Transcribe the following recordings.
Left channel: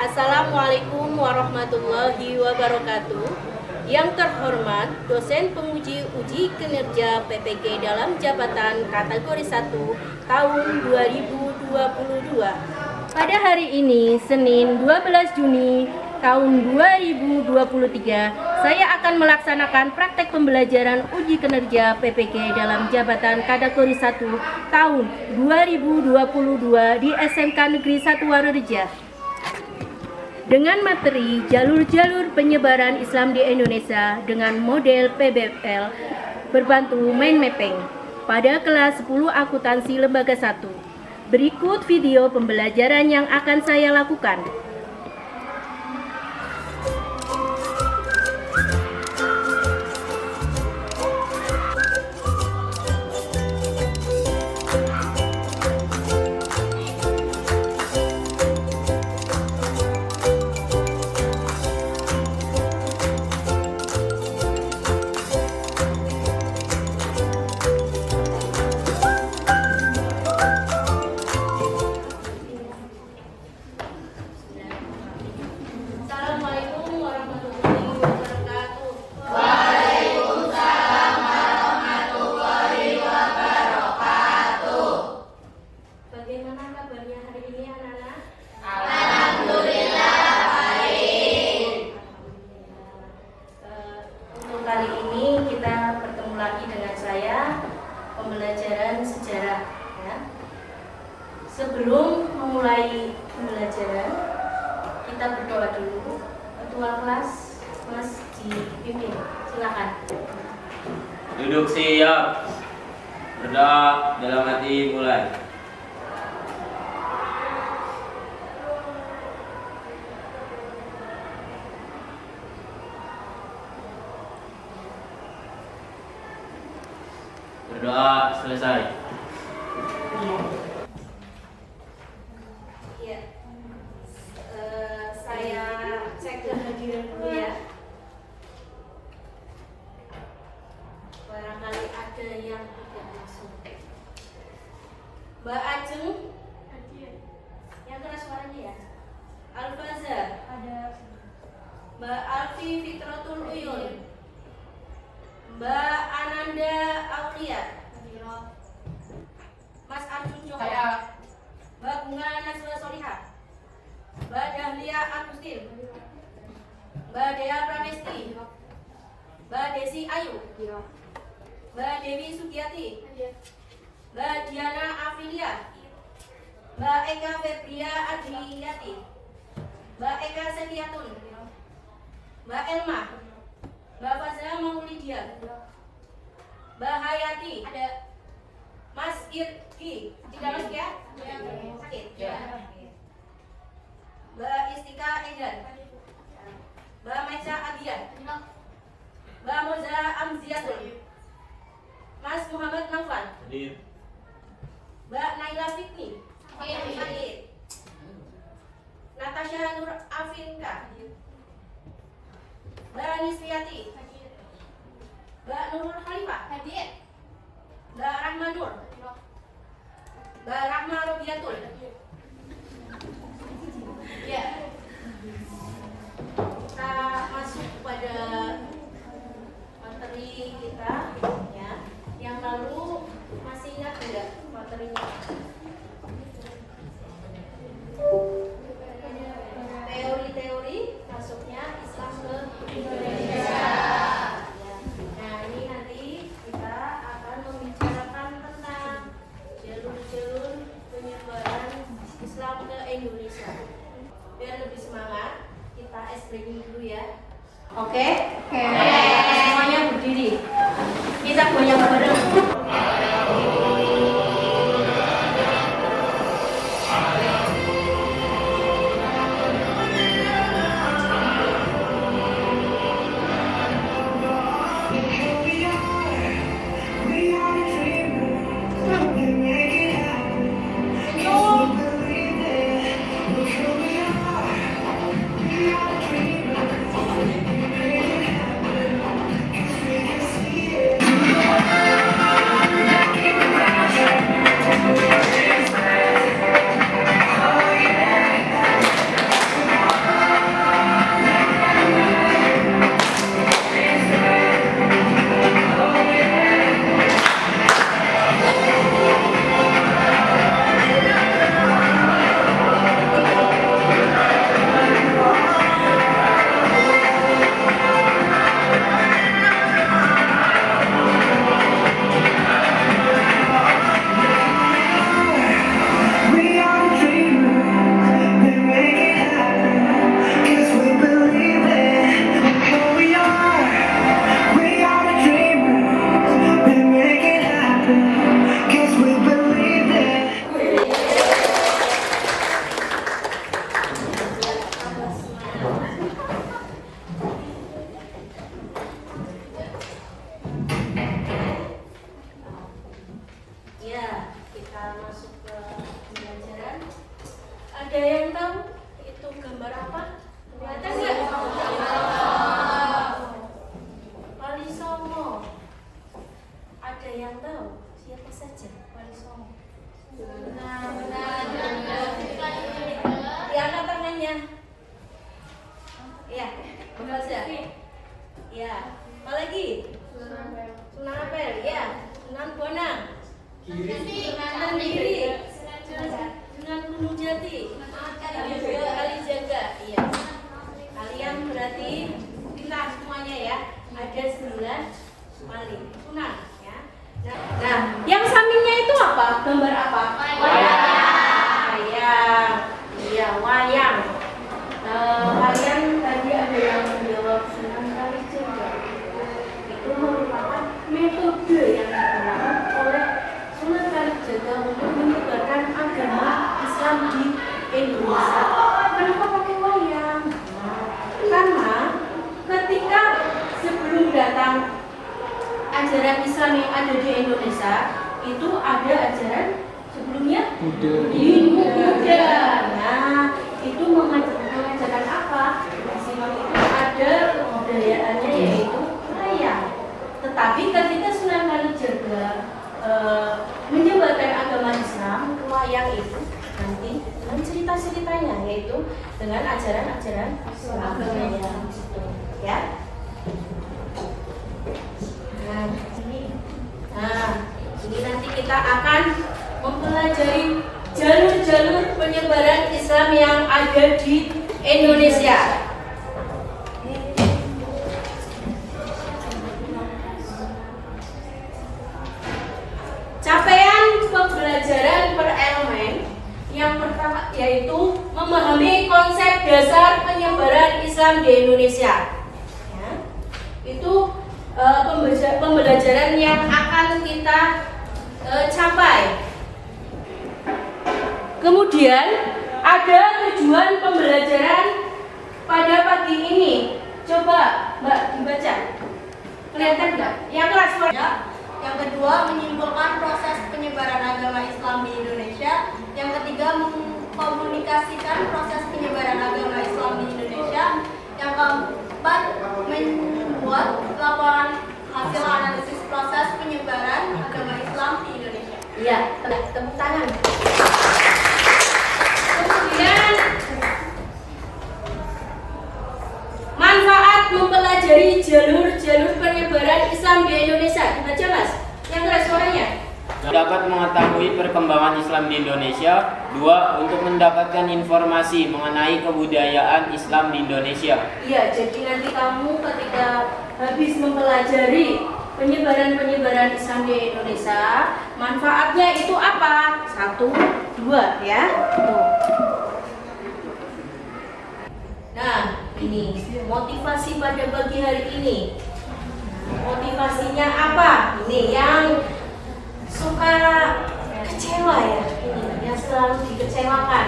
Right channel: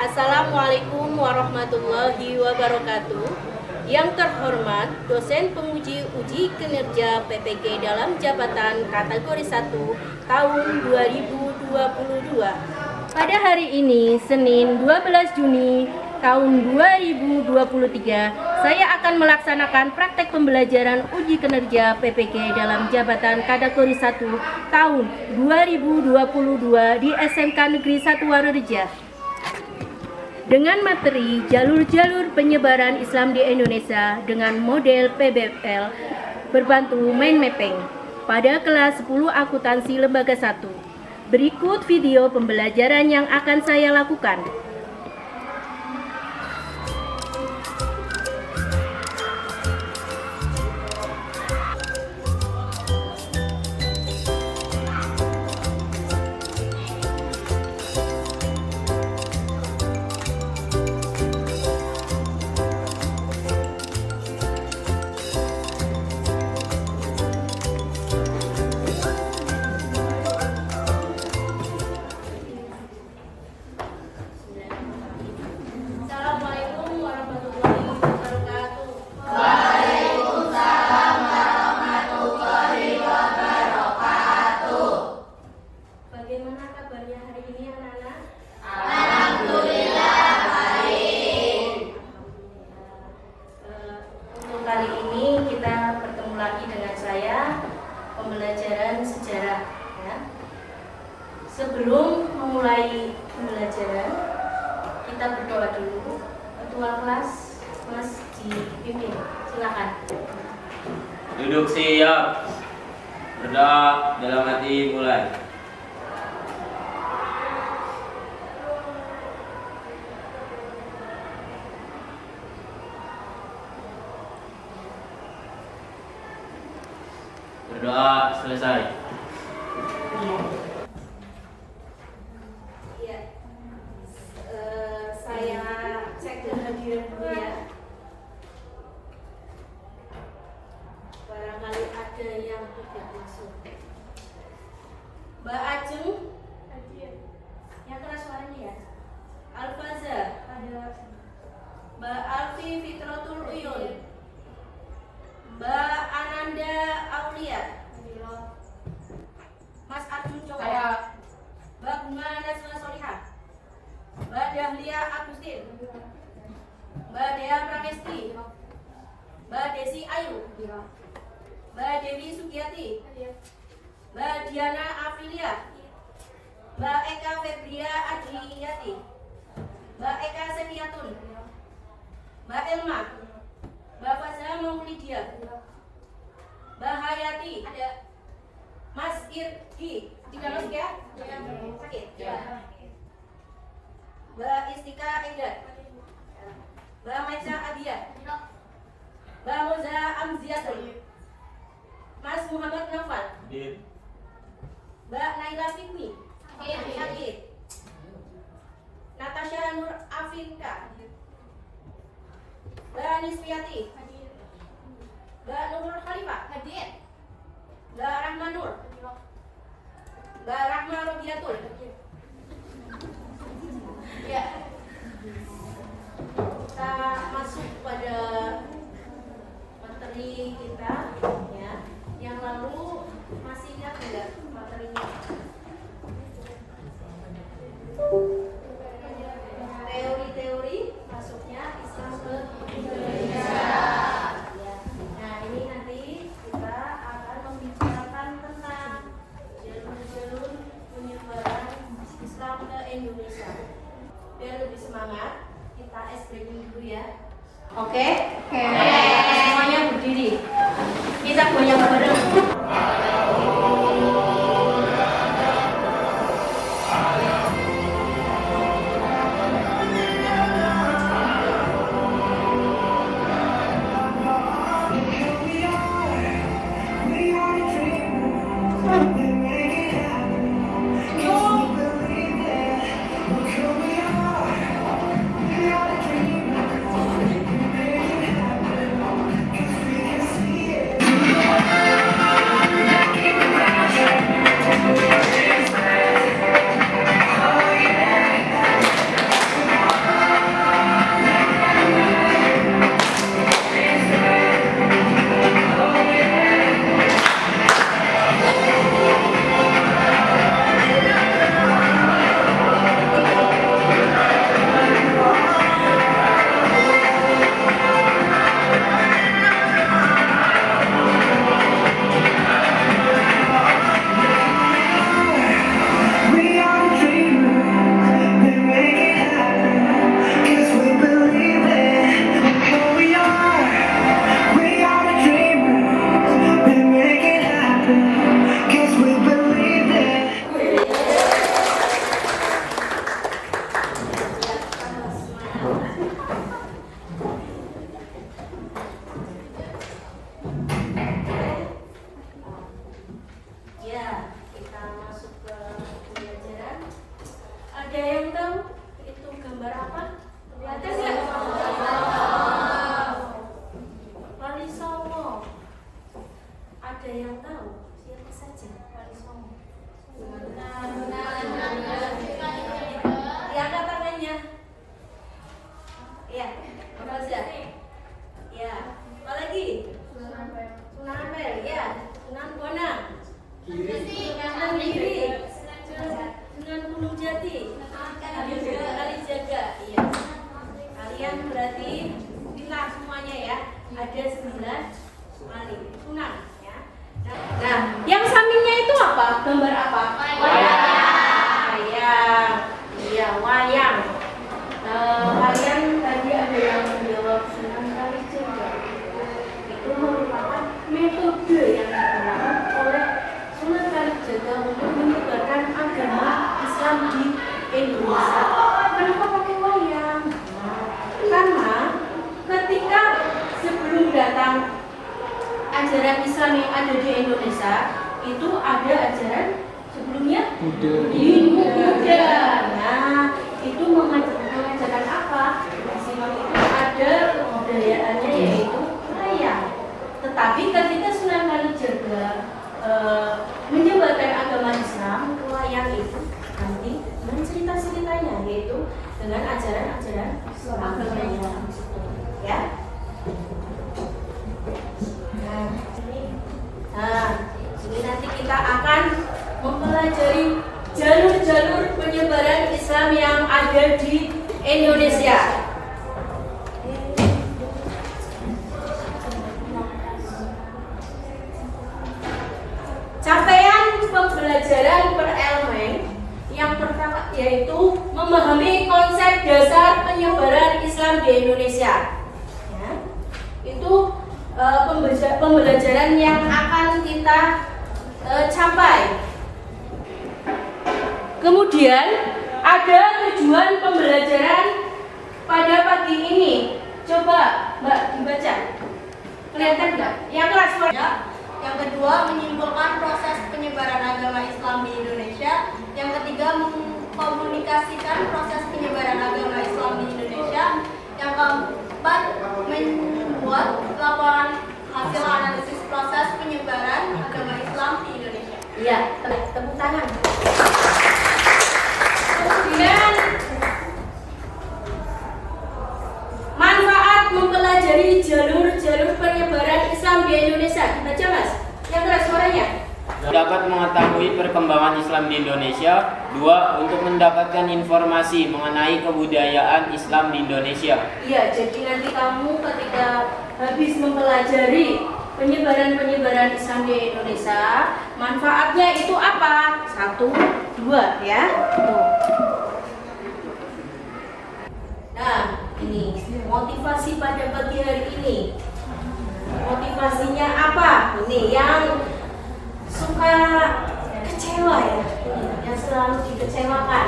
Assalamualaikum warahmatullahi wabarakatuh. Yang terhormat dosen penguji uji kinerja PPG dalam jabatan kategori 1 tahun 2022. Pada hari ini, Senin 12 Juni tahun 2023, saya akan melaksanakan praktek pembelajaran uji kinerja PPG dalam jabatan kategori 1 tahun 2022 di SMK Negeri 1 Warureja. Dengan materi jalur-jalur penyebaran Islam di Indonesia dengan model PBL berbantu mind mapping pada kelas 10 akuntansi lembaga 1. Berikut video pembelajaran yang akan saya lakukan. Kali ini kita bertemu lagi dengan saya pembelajaran sejarah ya. Sebelum memulai pembelajaran, kita berdoa dulu. Ketua kelas Mas dipimpin, silakan. Duduk siap. Berdoa dalam hati mulai. Berdoa selesai. Iya. Saya cek kehadiran dulu ya. Barangkali ada yang tidak masuk. Mbak Ajeng, yang keras suaranya ya. Al-Fazar, Mbak Alfi Fitratul Uyun, Mbak Ananda Aulia, Mas Arjun Coba, Mbak Bunga Nazwa Solihah, Mbak Dahlia Agustin, Mbak Dea Pramesti, Mbak Desi Ayu, Mbak Dewi Sugiyati, Mbak Diana Afilia, Mbak Eka Febria Adriyati, Mbak Eka Sediatun, Mbak Elma, Mbak Fazla Maulidia, Mbak Hayati, ada Mas Irgi, tidak masuk ya? Sakit? Mbak Istika Edan, Mbak Maisa Adian, Mbak Moza Amziatun, Mas Muhammad Naufal, Mbak Naila Fikni, hadir, Natasha Nur Afinka, Mbak Nisriati, Mbak Nurul Khalifah, hadir, Mbak Rahma Nur, Mbak Rahma Robiatul. Ya, kita masuk pada materi kita ya. Yang lalu masih ingat tidak materinya? Teori-teori masuknya Islam ke Indonesia. Ya. Nah, ini nanti kita akan membicarakan tentang jalur-jalur penyebaran Islam ke Indonesia. Biar lebih semangat, kita ice breaking dulu ya. Oke? Semuanya berdiri. Kita goyang bareng. Ya, kita masuk ke pembelajaran. Ada yang tahu itu gambar apa? Ada nggak? Wali Songo. Ada yang tahu? Siapa saja Wali Songo? Diangkat tangannya. Iya, apa saja? Iya, apa lagi? Sunan Ampel, ya. Sunan Bonang. Sunan Giri. Sunan Gunung Jati. Kalijaga. Iya. Kalian berarti pintar semuanya ya. Ada 9 wali sunan ya. Nah, yang sampingnya itu apa? Gambar apa? Wayang. Iya, wayang. Kalian tadi ada yang menjawab Sunan Kalijaga. Itu merupakan metode yang digunakan oleh Sunan Kalijaga untuk menyebarkan agama Islam di Indonesia. Kenapa pakai wayang? Karena ketika sebelum datang ajaran Islam yang ada di Indonesia, itu ada ajaran sebelumnya Buddha. Nah, itu mengajarkan apa? Islam itu ada kebudayaannya yaitu wayang. Tetapi ketika Sunan Kalijaga menyebarkan agama Islam, wayang itu nanti dengan cerita-ceritanya, yaitu dengan ajaran-ajaran agamanya, ya. Nah, ini nanti kita akan mempelajari jalur-jalur penyebaran Islam yang ada di Indonesia. Capaian pembelajaran per elemen yang pertama yaitu memahami konsep dasar penyebaran Islam di Indonesia. Ya, itu pembelajaran yang akan kita capai. Kemudian ada tujuan pembelajaran pada pagi ini. Coba Mbak dibaca. Kelihatan nggak? Yang kelas Ya. Yang kedua, menyimpulkan proses penyebaran agama Islam di Indonesia. Yang ketiga, mengkomunikasikan proses penyebaran agama Islam di Indonesia. Yang keempat, membuat laporan hasil analisis proses penyebaran agama Islam di Indonesia. Iya, tepuk tangan. Kemudian manfaat mempelajari jalur-jalur penyebaran Islam di Indonesia. Dibaca Mas, yang keras suaranya. Dapat mengetahui perkembangan Islam di Indonesia. 2. Untuk mendapatkan informasi mengenai kebudayaan Islam di Indonesia. Iya, jadi nanti kamu ketika habis mempelajari penyebaran Islam di Indonesia, manfaatnya itu apa? 1, 2 ya. Tuh. Nah, ini motivasi pada pagi hari ini. Motivasinya apa? Ini yang suka kecewa ya, ini yang selalu dikecewakan.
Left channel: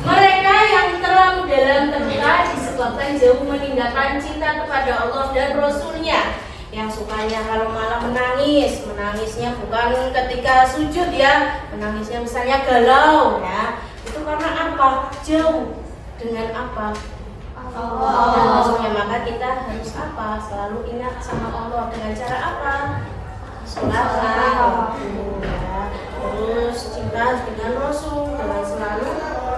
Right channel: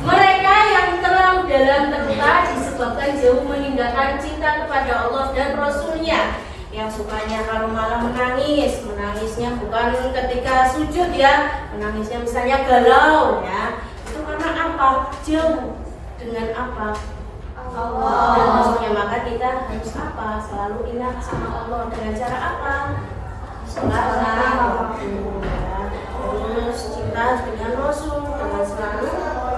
Mereka yang terlalu dalam terluka disebabkan jauh meninggalkan cinta kepada Allah dan Rasulnya. Yang sukanya kalau malah menangis, menangisnya bukan ketika sujud ya, menangisnya misalnya galau ya. Itu karena apa? Jauh dengan apa? Allah dan Rasulnya. Maka kita harus apa? Selalu ingat sama Allah dengan cara apa? Sholat waktu ya. Terus cinta dengan Rasul dengan selalu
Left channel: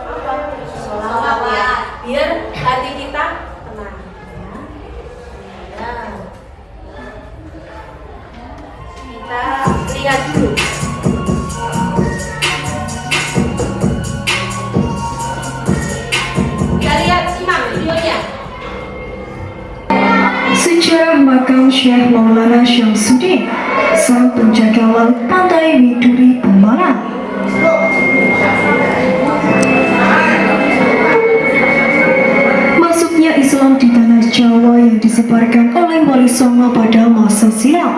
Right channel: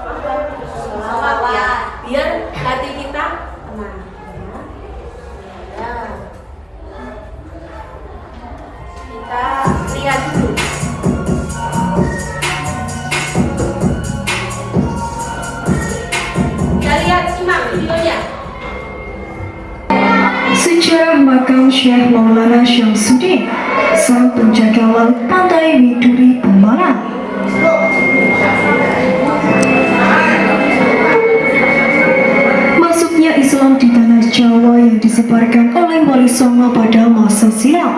apa? Sholawat ya. Biar hati kita tenang ya. Ya. Kita lihat dulu. Kita lihat simak videonya. Sejarah makam Syekh Maulana Syamsuddin, sang penjaga laut pantai Widuri Pemalang. Masuknya Islam di tanah Jawa yang disebarkan oleh Wali Songo pada masa silam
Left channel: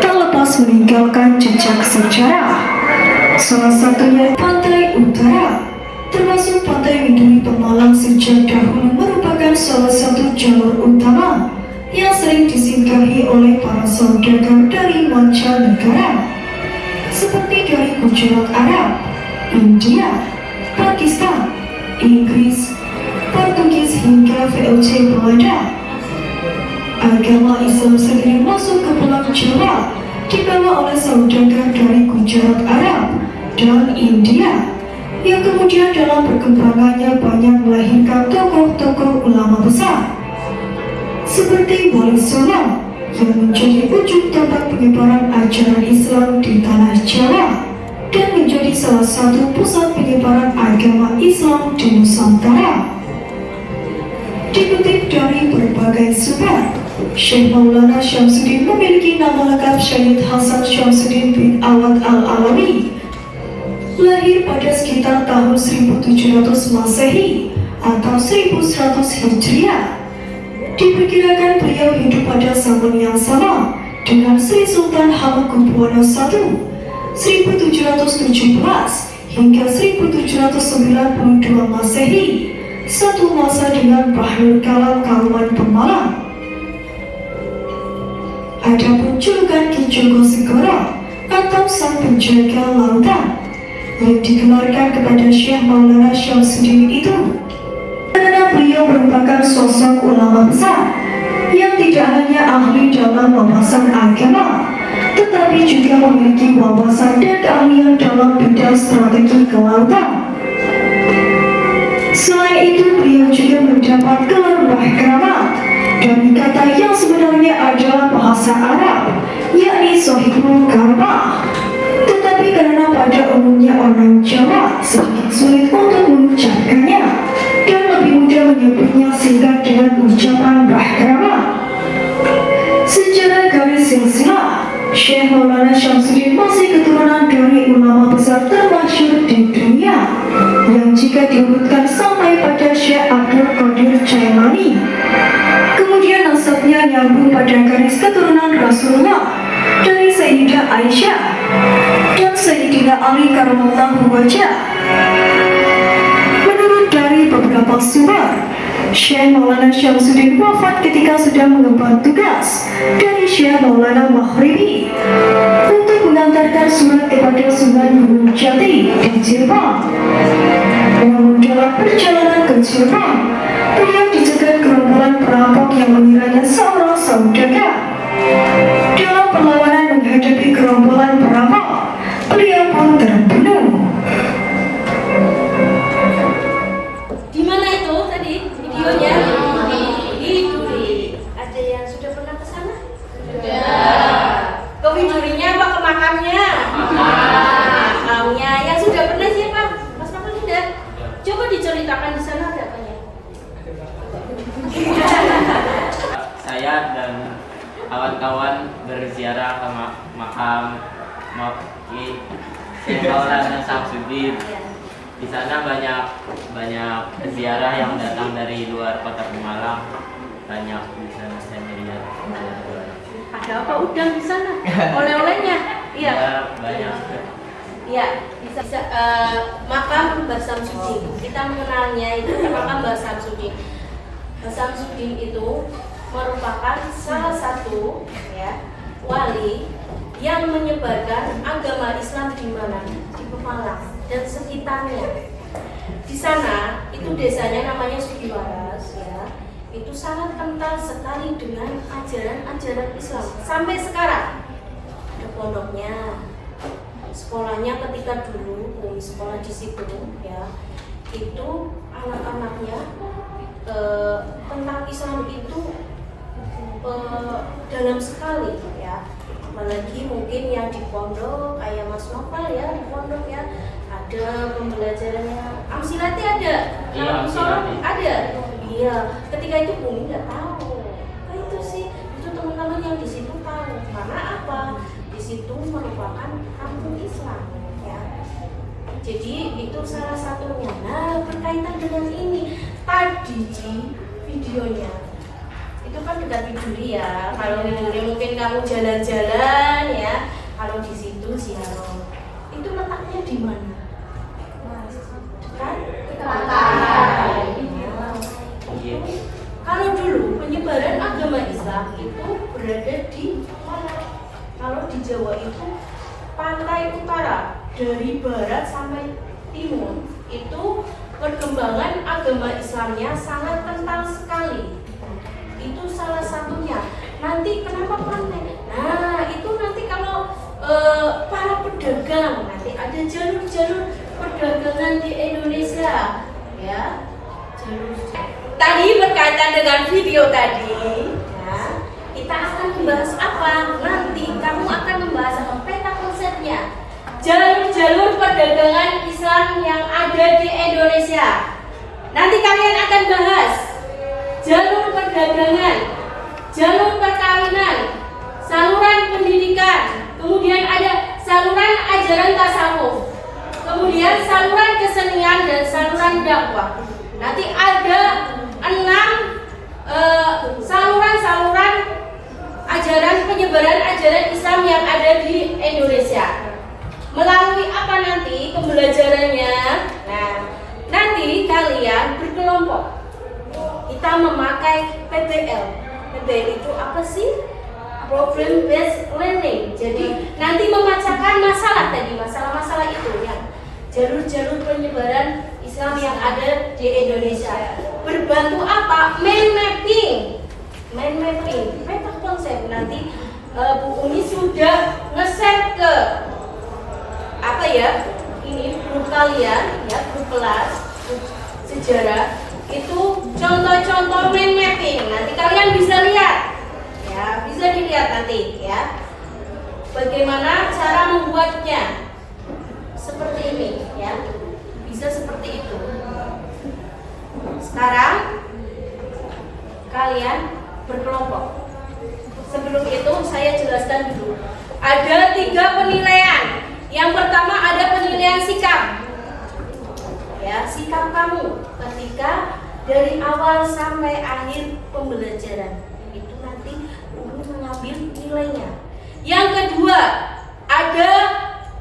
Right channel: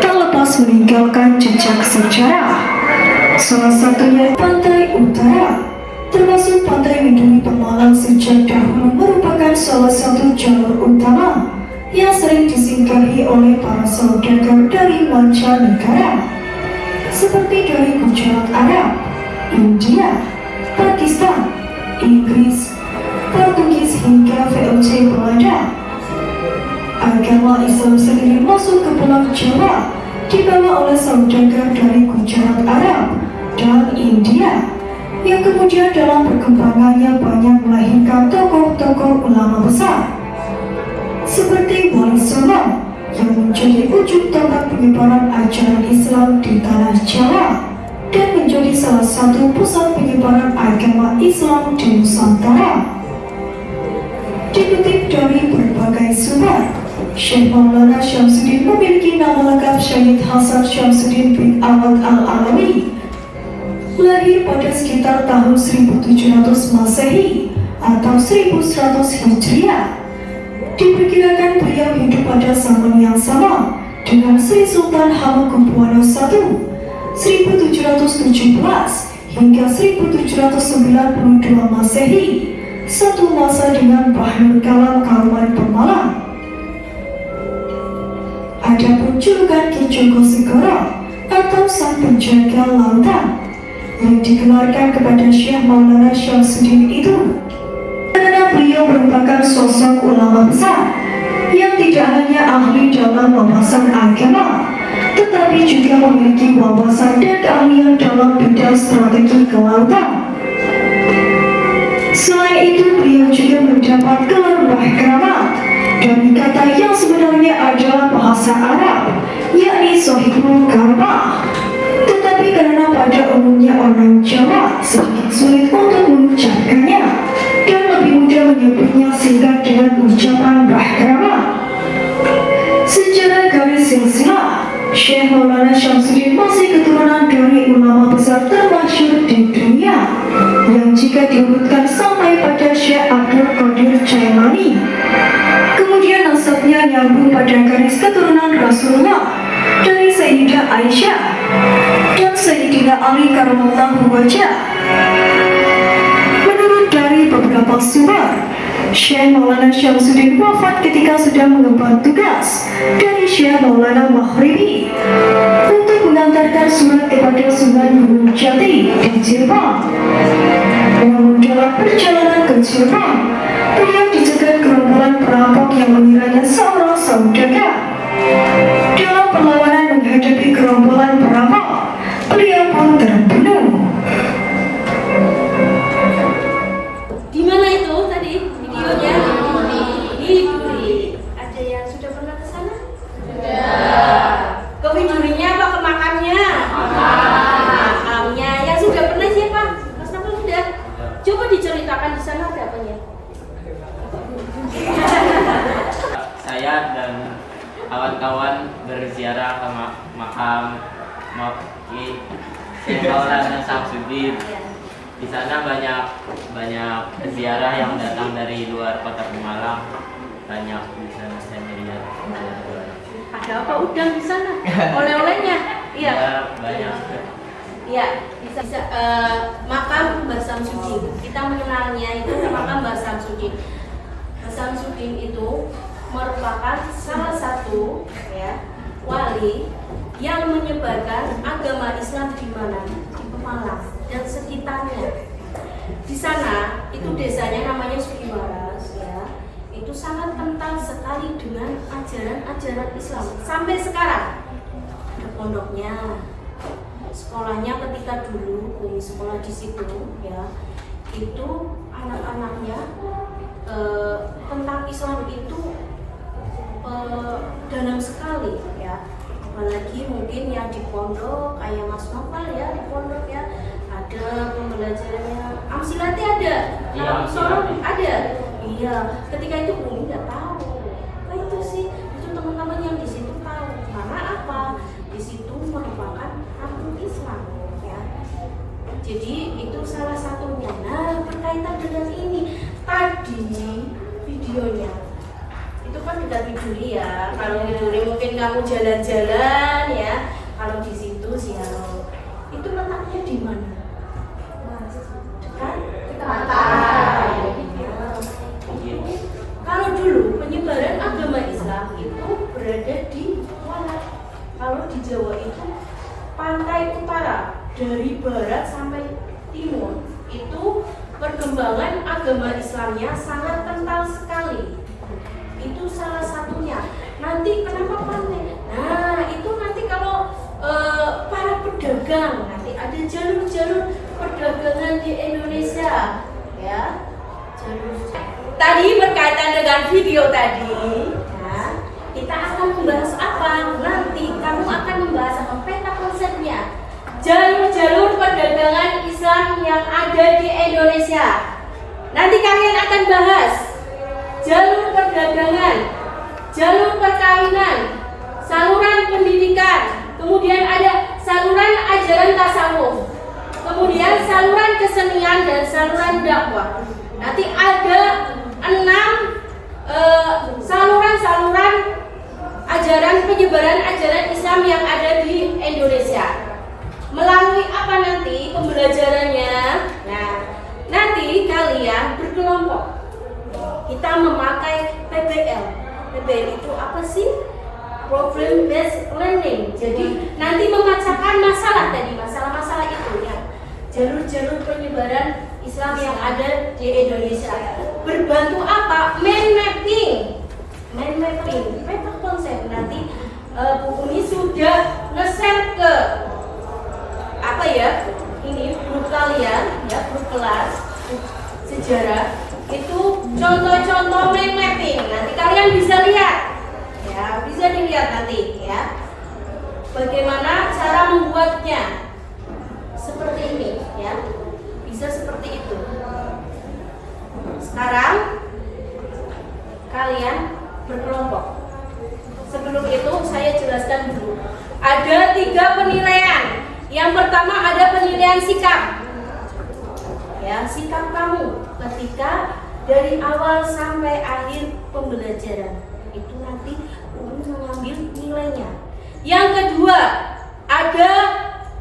tak lepas meninggalkan jejak sejarah. Salah satunya pantai utara, termasuk pantai Widuri Pemalang sejak dahulu merupakan merupakan salah satu jalur utama yang sering disinggahi oleh para saudagar dari mancanegara, seperti dari Gujarat Arab, India, Pakistan, Inggris, Portugis hingga VOC Belanda. Agama Islam sendiri masuk ke Pulau Jawa dibawa oleh saudagar dari Gujarat Arab dan India, yang kemudian dalam perkembangannya banyak melahirkan tokoh-tokoh ulama besar seperti Wali Songo yang menjadi ujung tombak penyebaran ajaran Islam di tanah Jawa dan menjadi salah satu pusat penyebaran agama Islam di Nusantara. Dikutip dari berbagai sumber, Syekh Maulana Syamsuddin memiliki nama lengkap Syed Hasan Syamsuddin bin Awad Al-Alawi. Lahir pada sekitar tahun 1700 Masehi atau 1100 Hijriah. Diperkirakan beliau hidup pada zaman yang sama dengan Sri Sultan Hamengkubuwono I 1717 hingga 1792 Masehi, satu masa dengan Bahrul Kalam Kauman Pemalang. Adapun julukan Ki Joko Segoro atau Sang Penjaga Lautan yang digelarkan kepada Syekh Maulana Syamsuddin itu karena beliau merupakan sosok ulama besar yang tidak hanya ahli dalam wawasan agama, tetapi juga memiliki wawasan dan keahlian dalam bidang strategi kelautan. Selain itu, beliau juga mendapat gelar Wahkramat dari kata yang sebenarnya adalah bahasa Arab, yakni Sohibul Garbah. Tetapi karena pada umumnya orang Jawa sedikit sulit untuk mengucapkannya dan lebih mudah menyebutnya singkat dengan ucapan Wahkramat. Secara garis silsilah, Syekh Maulana Syamsuddin masih keturunan dari ulama besar termasyhur di dunia yang jika diurutkan sampai pada Syekh Abdul Qadir Jailani. Kemudian nasabnya nyambung pada garis keturunan Rasulullah dari Sayyidah Aisyah dan Sayyidina Ali Karamallahu Wajah. Menurut dari beberapa sumber, Syekh Maulana Syamsuddin wafat ketika sedang mengemban tugas dari Syekh Maulana Maghribi untuk mengantarkan surat kepada Sunan Gunung Jati di Cirebon. Namun dalam perjalanan ke Cirebon, beliau dicegat gerombolan perampok yang mengiranya seorang saudagar. Dalam perlawanan menghadapi gerombolan perampok, beliau pun terbunuh. Di mana itu tadi videonya? Di Duri. Ada yang sudah pernah ke sana? Sudah. Ke Durinya apa ke makamnya? Makamnya. Yang sudah pernah siapa? Mas Novel sudah. Coba diceritakan di sana ada apanya? Saya dan kawan-kawan berziarah ke makam Ki Syekh Maulana Syamsuddin. Di sana banyak ziarah yang datang dari luar kota Pemalang. Banyak di sana saya melihat. Ada apa udang di sana? Oleh-olehnya? Iya. Ya, banyak. Iya, bisa makam Mbah Samsudin. Kita mengenalnya itu makam Mbah Samsudin. Mbah Samsudin itu merupakan salah satu wali yang menyebarkan agama Islam di mana? Di Pemalang dan sekitarnya. Di sana itu desanya namanya Sugiwaras itu sangat kental sekali dengan ajaran-ajaran Islam sampai sekarang. Ada pondoknya, sekolahnya ketika dulu Umi sekolah di situ itu anak-anaknya tentang Islam itu dalam sekali apalagi mungkin yang di pondok kayak Mas Novel di pondok ada pembelajarannya Amsilati ada, Amsilati ada. Iya, ketika itu Umi nggak tahu. Nah itu sih, itu teman-teman yang di situ tahu. Karena apa? Di situ merupakan rukun Islam Jadi itu salah satunya. Nah berkaitan dengan ini tadi videonya itu kan udah Duri Kalau di Duri mungkin kamu jalan-jalan kalau di situ ziarah. Itu letaknya di mana? Dekat pantai. dulu penyebaran agama Islam itu berada di mana? Kalau di Jawa itu pantai utara, dari barat sampai timur itu perkembangan agama Islamnya sangat kental sekali. Itu salah satunya. Nanti kenapa pantai? Nah, itu nanti kalau para pedagang, nanti ada jalur-jalur perdagangan di Indonesia, ya. Jalur. Tadi berkaitan dengan video tadi, ya, kita akan membahas apa? Nanti kamu akan membahas apa? Peta konsepnya. Jalur-jalur perdagangan Islam yang ada di Indonesia. Nanti kalian akan bahas jalur perdagangan, jalur perkawinan, saluran pendidikan, kemudian ada saluran ajaran tasawuf, kemudian saluran kesenian dan saluran dakwah. Nanti ada 6 saluran-saluran ajaran penyebaran ajaran Islam yang ada di Indonesia. Melalui apa nanti pembelajarannya? Nah, nanti kalian berkelompok. Kita memakai PBL. PBL itu apa sih? Problem based learning. Jadi nanti memecahkan masalah tadi, masalah-masalah itu ya. Jalur-jalur penyebaran Islam yang ada di Indonesia. Berbantu apa? Mind mapping. Peta konsep. Nanti Bu Umi sudah nge-share ke apa ya? Ini grup kalian, ya, grup kelas, grup sejarah. Itu contoh-contoh mind mapping. Nanti kalian bisa lihat. Ya, bisa dilihat nanti ya. Bagaimana cara membuatnya? Seperti ini ya. Bisa seperti itu. Sekarang kalian berkelompok. Sebelum itu saya jelaskan dulu. Ada 3 penilaian. Yang pertama ada penilaian sikap. Ya, sikap kamu ketika dari awal sampai akhir pembelajaran itu nanti mengambil nilainya. Yang kedua ada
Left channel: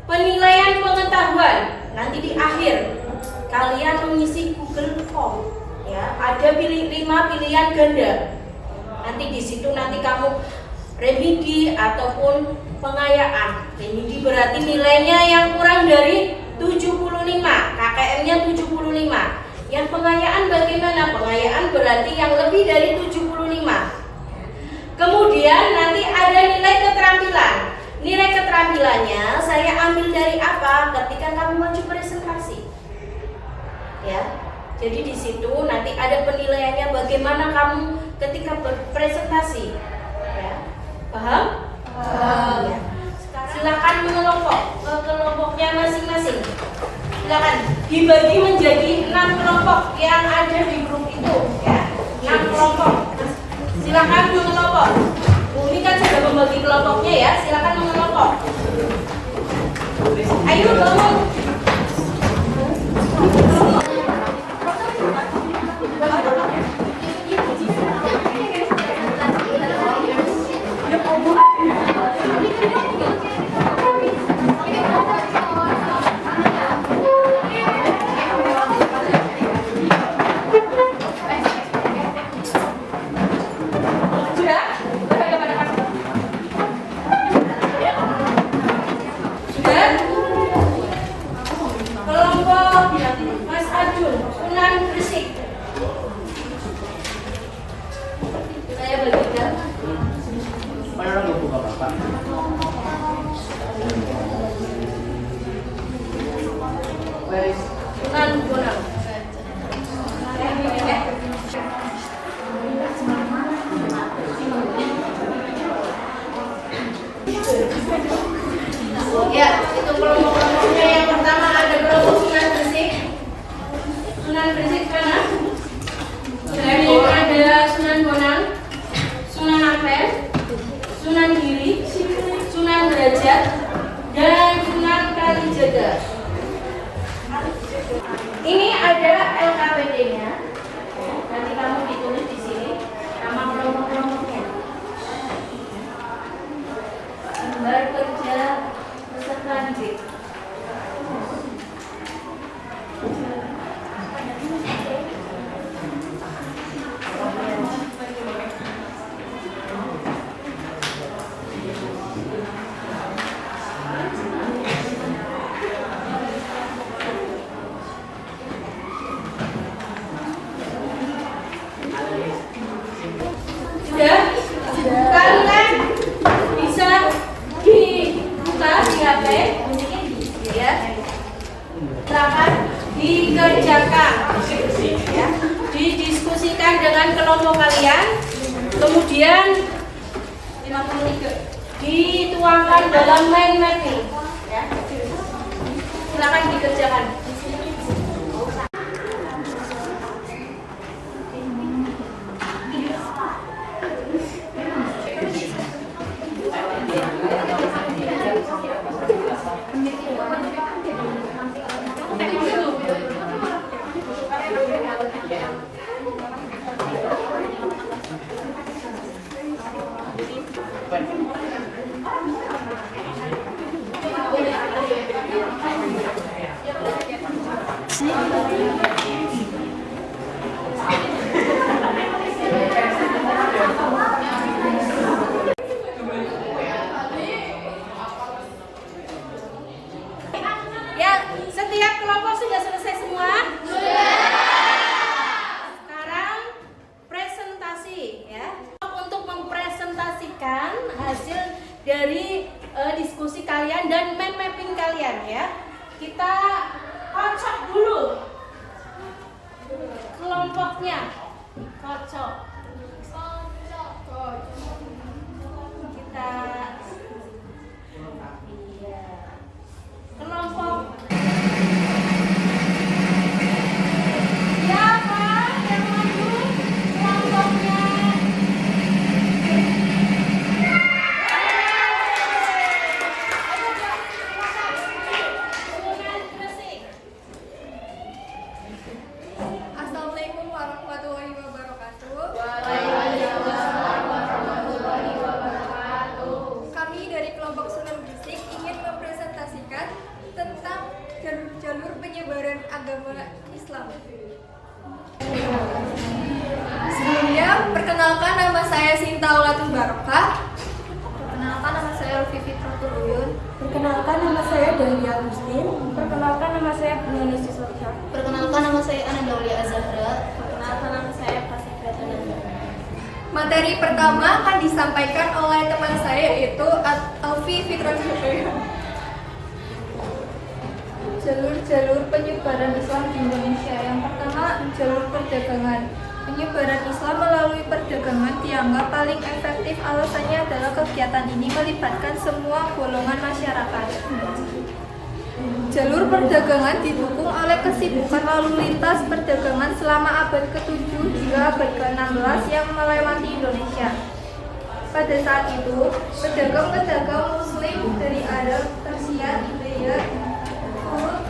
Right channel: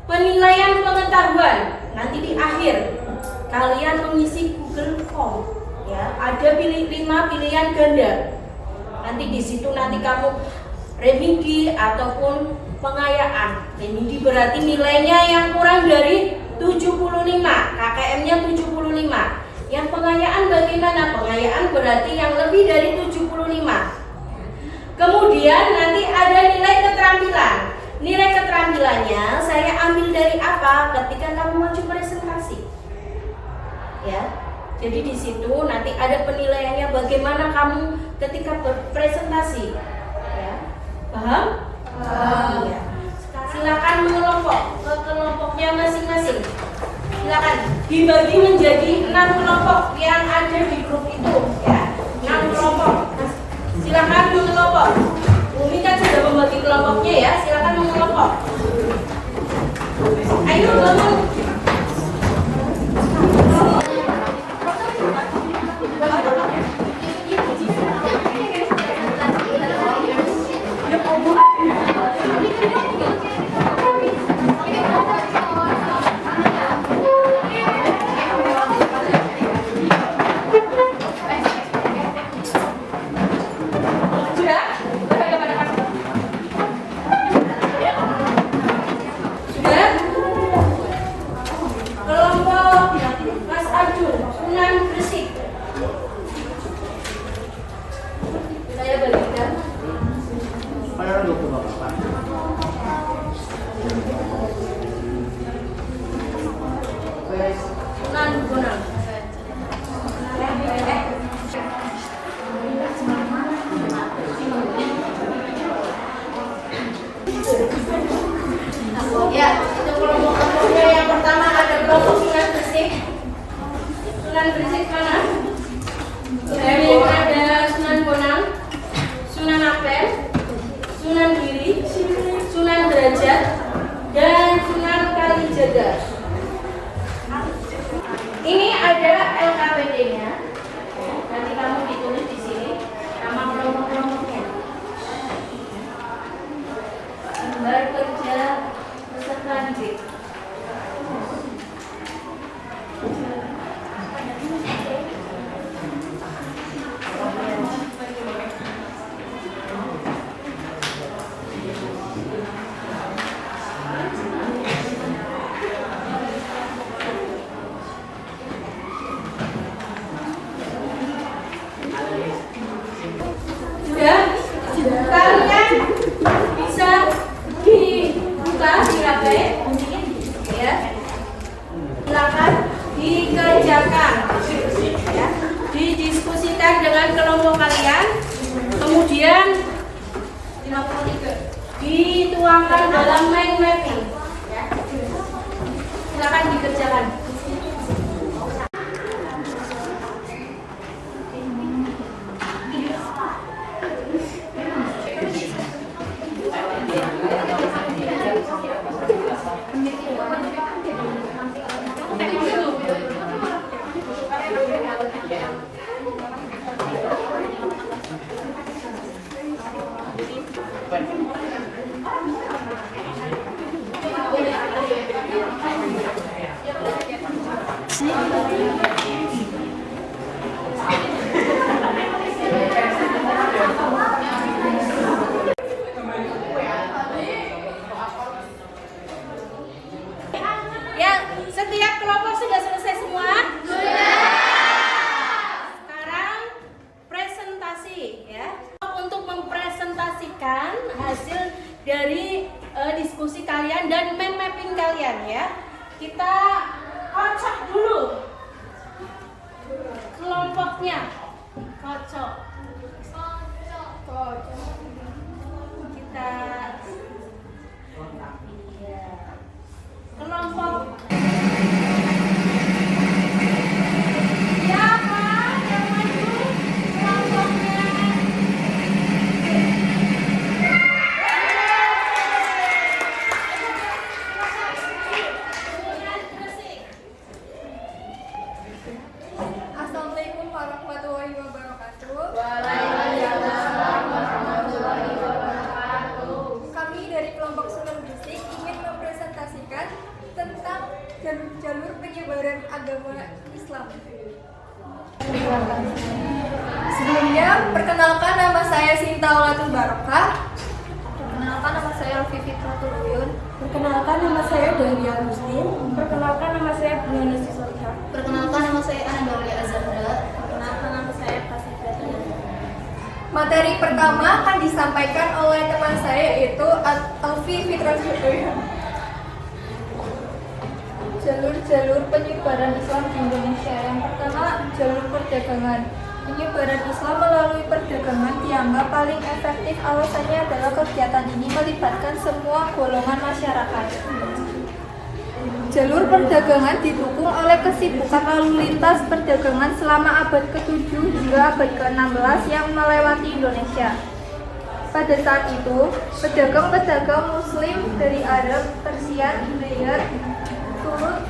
penilaian pengetahuan. Nanti di akhir kalian mengisi Google Form. Ya, ada 5 pilihan ganda. Nanti di situ nanti kamu remedi ataupun pengayaan. Remedi berarti nilainya yang kurang dari 75, KKM-nya 75. Yang pengayaan bagaimana? Pengayaan berarti yang lebih dari 75. Kemudian nanti ada nilai keterampilan. Nilai keterampilannya saya ambil dari apa? Ketika kamu maju presentasi. Ya. Jadi di situ nanti ada penilaiannya bagaimana kamu ketika berpresentasi. Ya. Paham? Paham. Ya. Silakan mengelompok ke kelompoknya masing-masing. Silakan dibagi menjadi 6 kelompok yang ada di grup itu, ya. 6 kelompok. Silakan mengelompok. Umi kan sudah membagi kelompoknya ya. Silakan mengelompok. Ayo bangun. kalian, kemudian dituangkan dalam mind mapping. Ya. Silakan dikerjakan. Ya, setiap kelompok sudah selesai semua? Sekarang presentasi ya. Untuk mempresentasikan hasil dari diskusi kalian dan mind mapping kalian ya. Kita kocok dulu kelompoknya. Kocok. Kita kelompok siapa yang maju kelompoknya? Assalamualaikum warahmatullahi wabarakatuh. Kami dari kelompok Sunan Gresik ingin mempresentasikan tentang jalur-jalur penyebaran agama Islam. Sebelumnya, perkenalkan nama saya Sinta Ulatul Barokah. Perkenalkan nama saya Alfi Fitratul Uyun. Perkenalkan nama saya Dahlia Agustin. Perkenalkan nama saya Bunga Sisolha. Perkenalkan nama saya Anandauli Azahra. Perkenalkan nama saya Fasih Pratananda. Materi pertama akan disampaikan oleh teman saya yaitu Alfi Fitratul Uyun. Jalur-jalur penyebaran Islam di Indonesia. Yang pertama, jalur perdagangan. Penyebaran Islam melalui perdagangan dianggap paling efektif. Alasannya adalah kegiatan ini melibatkan semua golongan masyarakat. Jalur perdagangan didukung oleh kesibukan lalu lintas perdagangan selama abad ke-7 hingga abad ke-16 yang melewati Indonesia. Pada saat itu, pedagang-pedagang Muslim dari Arab, Persia, India, turut.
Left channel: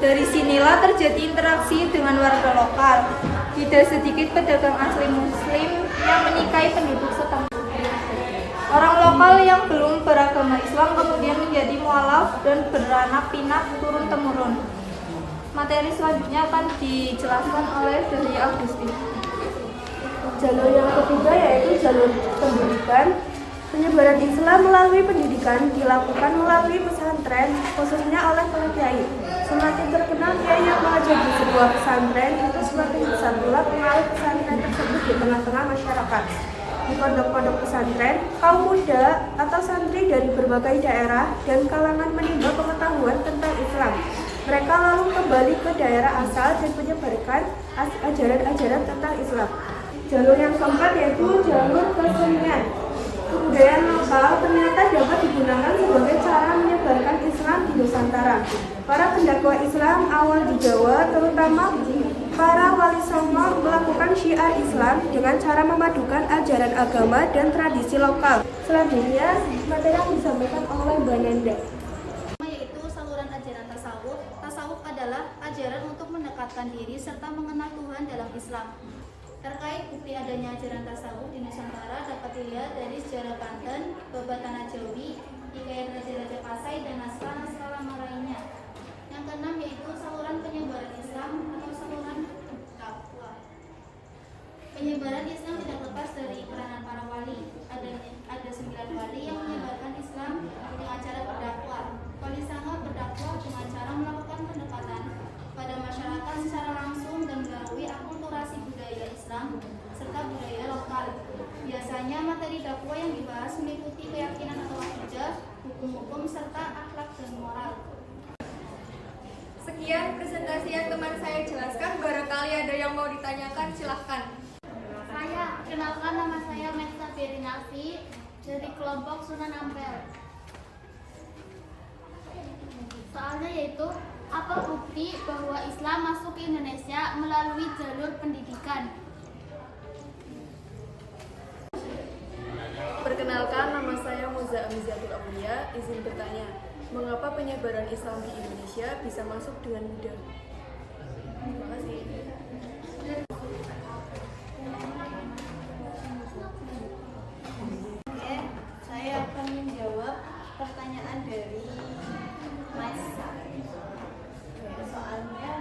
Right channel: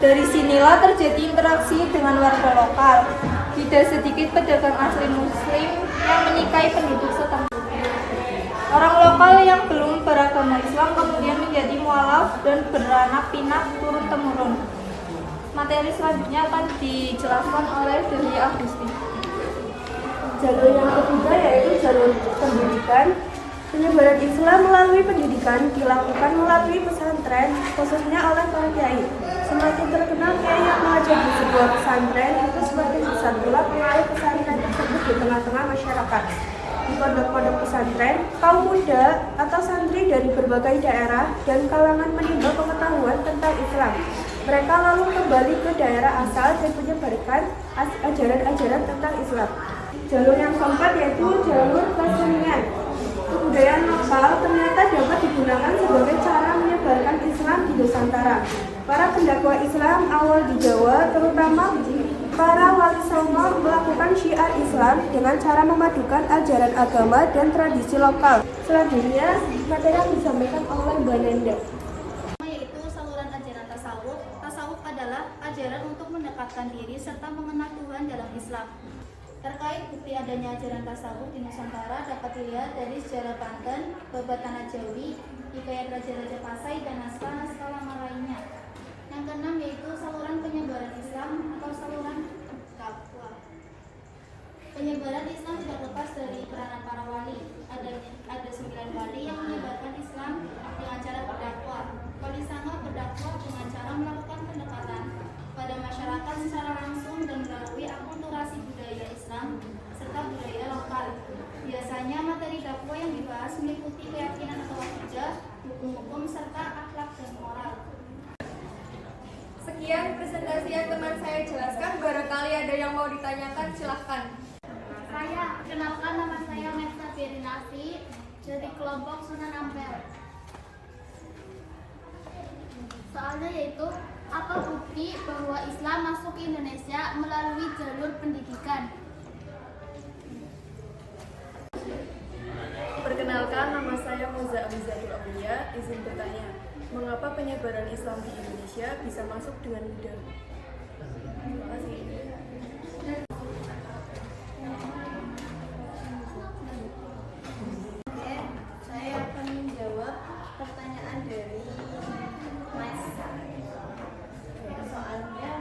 Dari sinilah terjadi interaksi dengan warga lokal. Tidak sedikit pedagang asli Muslim yang menikahi penduduk setempat. Orang lokal yang belum beragama Islam kemudian menjadi mualaf dan beranak pinak turun-temurun. Materi selanjutnya akan dijelaskan oleh Dahlia Agustin. Jalur yang ketiga yaitu jalur pendidikan. Penyebaran Islam melalui pendidikan dilakukan melalui pesantren, khususnya oleh para kiai. Semakin terkenal kiai yang mengajar di sebuah pesantren, itu semakin besar pula pengaruh pesantren tersebut di tengah-tengah masyarakat. Di pondok-pondok pesantren, kaum muda atau santri dari berbagai daerah dan kalangan menimba pengetahuan tentang Islam. Mereka lalu kembali ke daerah asal dan menyebarkan ajaran-ajaran tentang Islam. Jalur yang keempat yaitu jalur kesenian. Kebudayaan lokal ternyata dapat digunakan sebagai cara menyebarkan Islam di Nusantara. Para pendakwah Islam awal di Jawa, terutama para wali songo, melakukan syiar Islam dengan cara memadukan ajaran agama dan tradisi lokal. Selanjutnya, materi yang disampaikan oleh Mbak Nanda. Yaitu saluran ajaran tasawuf. Tasawuf adalah ajaran untuk mendekatkan diri serta mengenal Tuhan dalam Islam. Terkait bukti adanya ajaran tasawuf di Nusantara dapat dilihat dari sejarah Banten, Babat Tanah Jawi, hikayat Raja-Raja Pasai, dan naskah-naskah lama lainnya. Yang keenam yaitu saluran penyebaran Islam atau saluran dakwah. Penyebaran Islam tidak lepas dari peranan para wali. Ada 9 wali yang menyebarkan Islam dengan cara berdakwah. Wali Songo berdakwah dengan cara melakukan pendekatan pada masyarakat secara langsung dan melalui akulturasi budaya Islam serta budaya lokal. Biasanya materi dakwah yang dibahas meliputi keyakinan atau akidah, hukum-hukum serta akhlak dan moral. Sekian presentasi biar teman saya jelaskan, barangkali ada yang mau ditanyakan, silahkan. Saya kenalkan, nama saya Mesta Berinasi dari kelompok Sunan Ampel. Soalnya yaitu, apa bukti bahwa Islam masuk ke Indonesia melalui jalur pendidikan? Perkenalkan, nama saya Moza Amizatul Aulia. Izin bertanya, mengapa penyebaran Islam di Indonesia bisa masuk dengan mudah? Terima kasih. Saya akan menjawab pertanyaan dari Mas. Soalnya,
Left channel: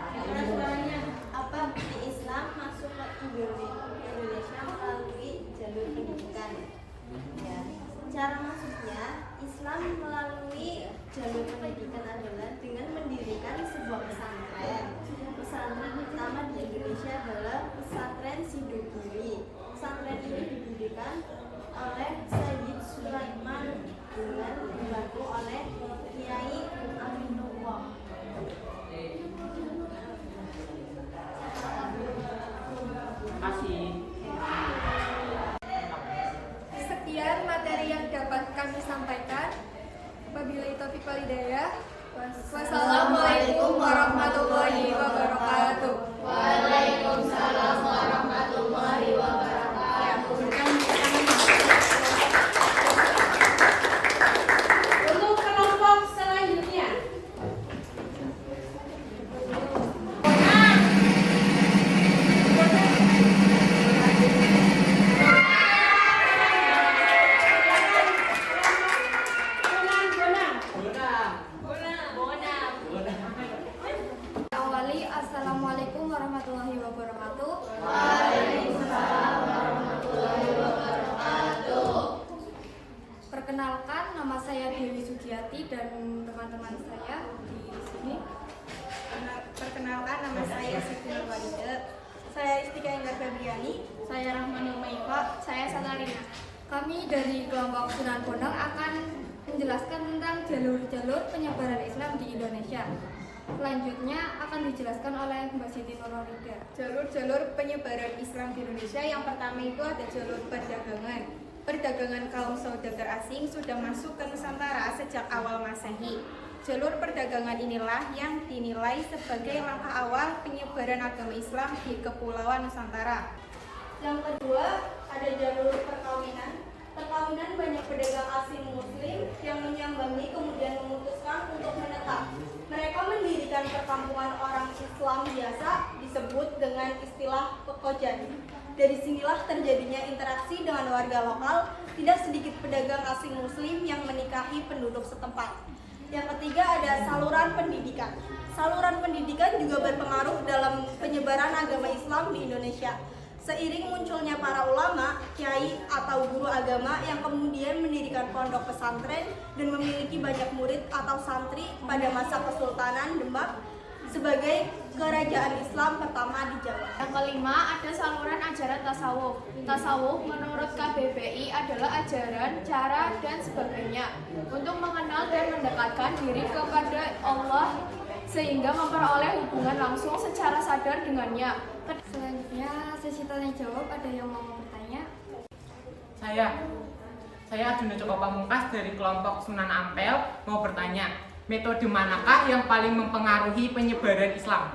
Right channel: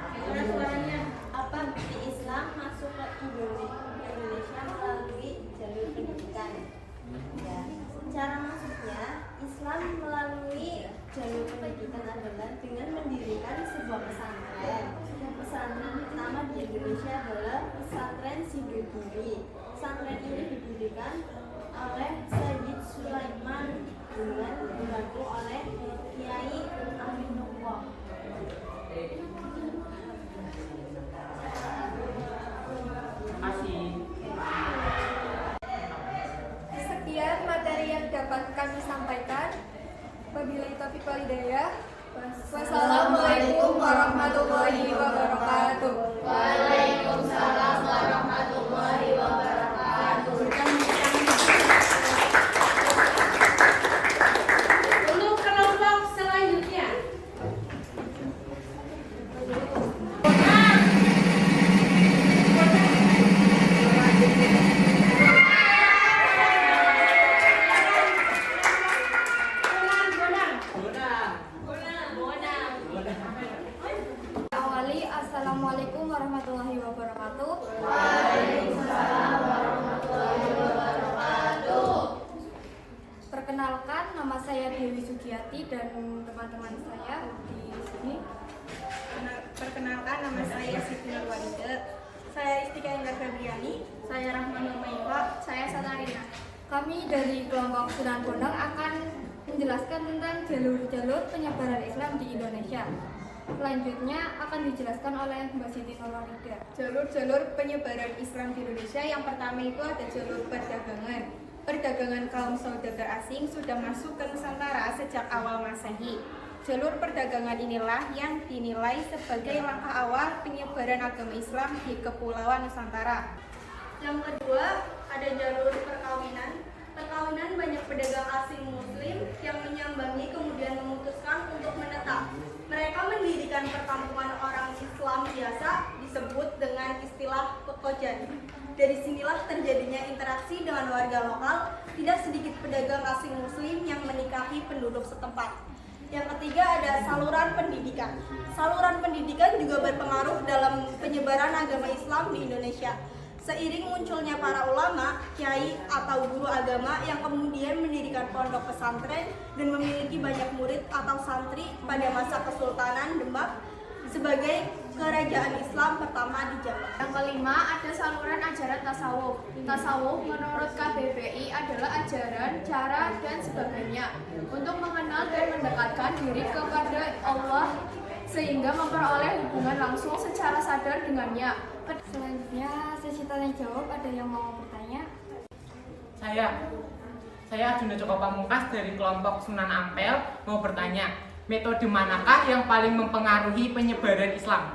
apa bukti Islam masuk ke Indonesia melalui jalur pendidikan? Ya, cara masuknya Islam melalui jalur pendidikan adalah dengan mendirikan sebuah pesantren. Pesantren pertama di Indonesia adalah pesantren Sidogiri. Pesantren ini didirikan oleh Sayyid Sulaiman dengan dibantu oleh Kiai Aminullah. Sekian materi yang dapat kami sampaikan. Wabillahi taufiq wal hidayah. Wassalamualaikum warahmatullahi wabarakatuh. Waalaikumsalam warahmatullahi wabarakatuh. Untuk kelompok selanjutnya. Awali, assalamualaikum warahmatullahi wabarakatuh. Perkenalkan, nama saya Dewi Sugiati dan teman-teman saya di sini. Perkenalkan, nama saya Siti Nurwalida. Saya Istika Enggar Febriani. Saya Rahmanul Maifa. Saya Satarina. Kami dari kelompok Sunan Bonang akan menjelaskan tentang jalur-jalur penyebaran Islam di Indonesia. Selanjutnya akan dijelaskan oleh Mbak Siti Nurwalida. Jalur-jalur penyebaran Islam di Indonesia yang pertama itu ada jalur perdagangan. Perdagangan kaum saudagar asing sudah masuk ke Nusantara sejak awal Masehi. Jalur perdagangan inilah yang dinilai sebagai langkah awal penyebaran agama Islam di Kepulauan Nusantara. Yang kedua, ada jalur perkawinan. Perkawinan banyak pedagang asing muslim yang menyambangi kemudian memutuskan untuk menetap. Mereka mendirikan perkampungan orang Islam biasa disebut dengan istilah pekojan. Dari sinilah terjadinya interaksi dengan warga lokal, tidak sedikit pedagang asing muslim yang menikahi penduduk setempat. Yang ketiga ada saluran pendidikan. Saluran pendidikan juga berpengaruh dalam penyebaran agama Islam di Indonesia. Seiring munculnya para ulama, kiai atau guru agama yang kemudian mendirikan pondok pesantren dan memiliki banyak murid atau santri pada masa Kesultanan Demak sebagai kerajaan Islam pertama di Jawa. Yang kelima ada saluran ajaran tasawuf. Tasawuf menurut KBBI adalah ajaran, cara, dan sebagainya untuk mengenal dan mendekatkan diri kepada Allah sehingga memperoleh hubungan langsung secara sadar dengannya. Selanjutnya sesi tanya jawab, ada yang mau bertanya? Saya Arjuna Joko Pamungkas dari kelompok Sunan Ampel mau bertanya, metode manakah yang paling mempengaruhi penyebaran Islam?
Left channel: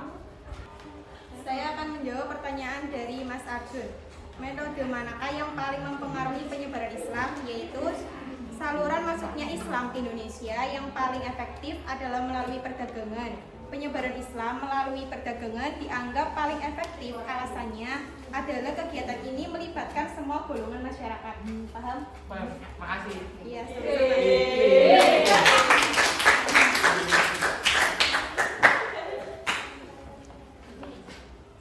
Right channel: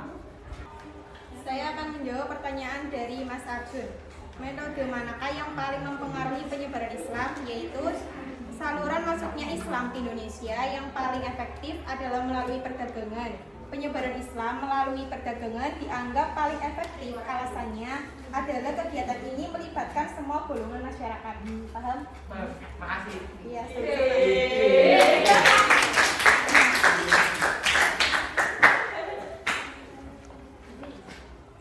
Saya akan menjawab pertanyaan dari Mas Arjun. Metode manakah yang paling mempengaruhi penyebaran Islam? Yaitu saluran masuknya Islam ke Indonesia yang paling efektif adalah melalui perdagangan. Penyebaran Islam melalui perdagangan dianggap paling efektif. Alasannya adalah kegiatan ini melibatkan semua golongan masyarakat. Paham? Makasih. Iya, sama-sama.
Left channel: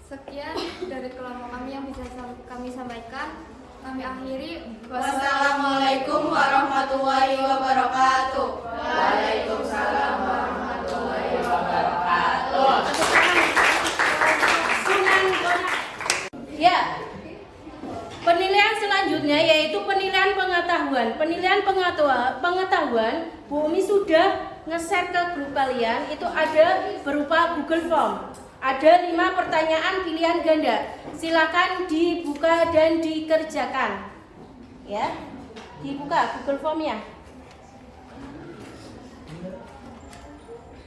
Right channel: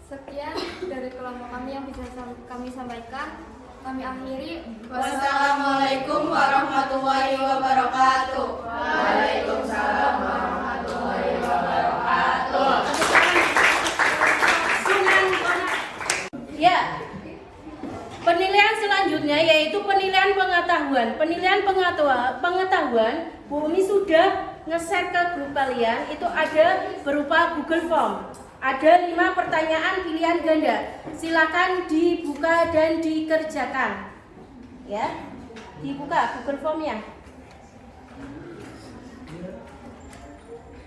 Sekian dari kelompok kami yang bisa kami sampaikan. Kami akhiri. Wassalamualaikum warahmatullahi wabarakatuh. Waalaikumsalam warahmatullahi wabarakatuh. Ya. Penilaian selanjutnya yaitu penilaian pengetahuan. Penilaian pengetahuan, Bu Umi sudah nge-share ke grup kalian, itu ada berupa Google Form. Ada 5 pertanyaan pilihan ganda. Silakan dibuka dan dikerjakan. Ya, dibuka Google Form-nya.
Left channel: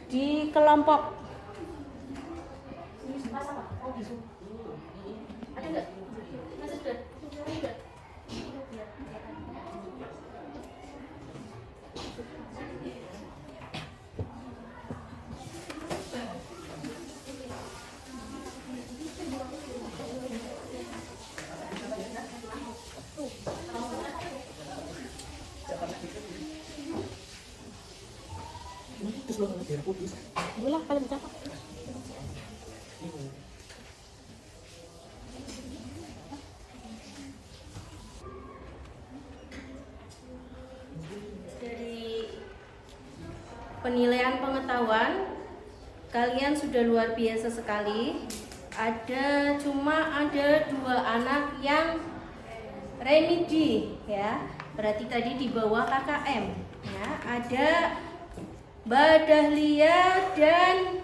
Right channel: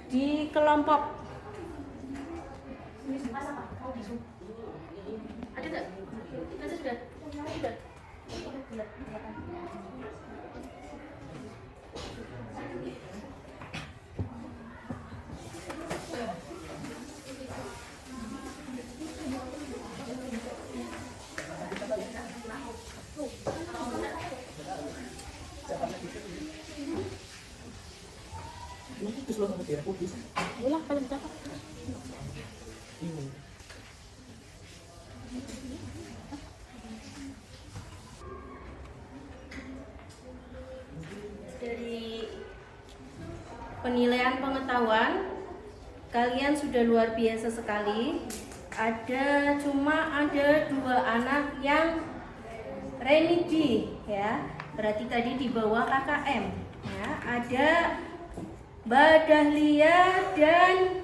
Di kelompok. Ada nggak? Masa sudah? Sudah. Dari penilaian pengetahuan, kalian sudah luar biasa sekali. Cuma ada 2 anak yang remedi, ya. Berarti tadi di bawah KKM. Ya, ada Mbak Dahlia dan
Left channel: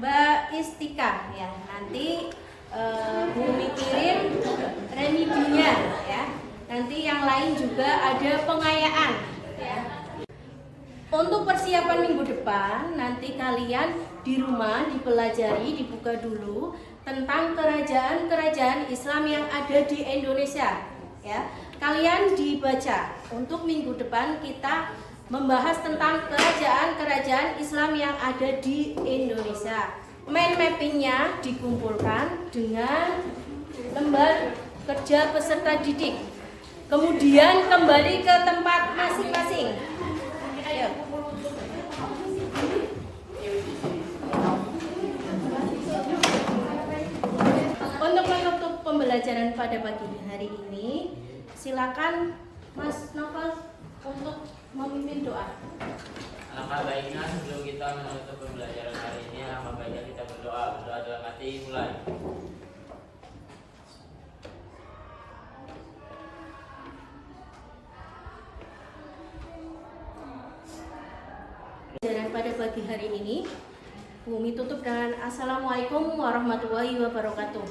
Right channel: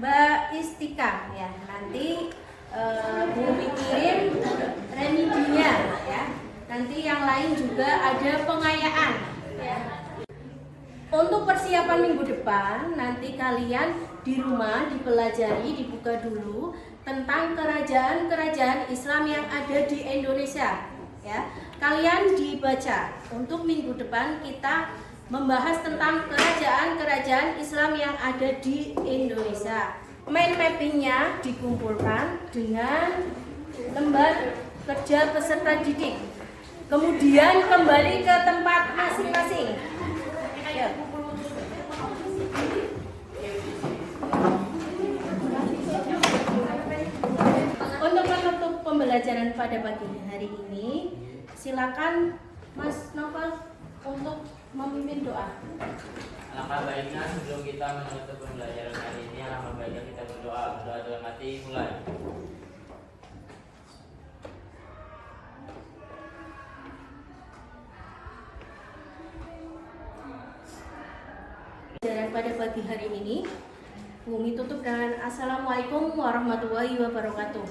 Mbak Istika. Ya, nanti Bumi kirim remedinya, ya. Nanti yang lain juga ada pengayaan, ya. Untuk persiapan minggu depan, nanti kalian di rumah dipelajari, dibuka dulu tentang kerajaan-kerajaan Islam yang ada di Indonesia, ya. Kalian dibaca. Untuk minggu depan kita membahas tentang kerajaan-kerajaan Islam yang ada di Indonesia. Mind mappingnya dikumpulkan dengan lembar kerja peserta didik. Kemudian kembali ke tempat masing-masing. Ayo. Untuk menutup pembelajaran pada pagi hari ini, silakan Mas Novel untuk memimpin doa. Alangkah baiknya sebelum kita menutup pembelajaran hari ini, alangkah baiknya kita berdoa. Berdoa dalam hati, mulai. Pembelajaran pada pagi hari ini, Bumi tutup dengan Assalamualaikum warahmatullahi wabarakatuh.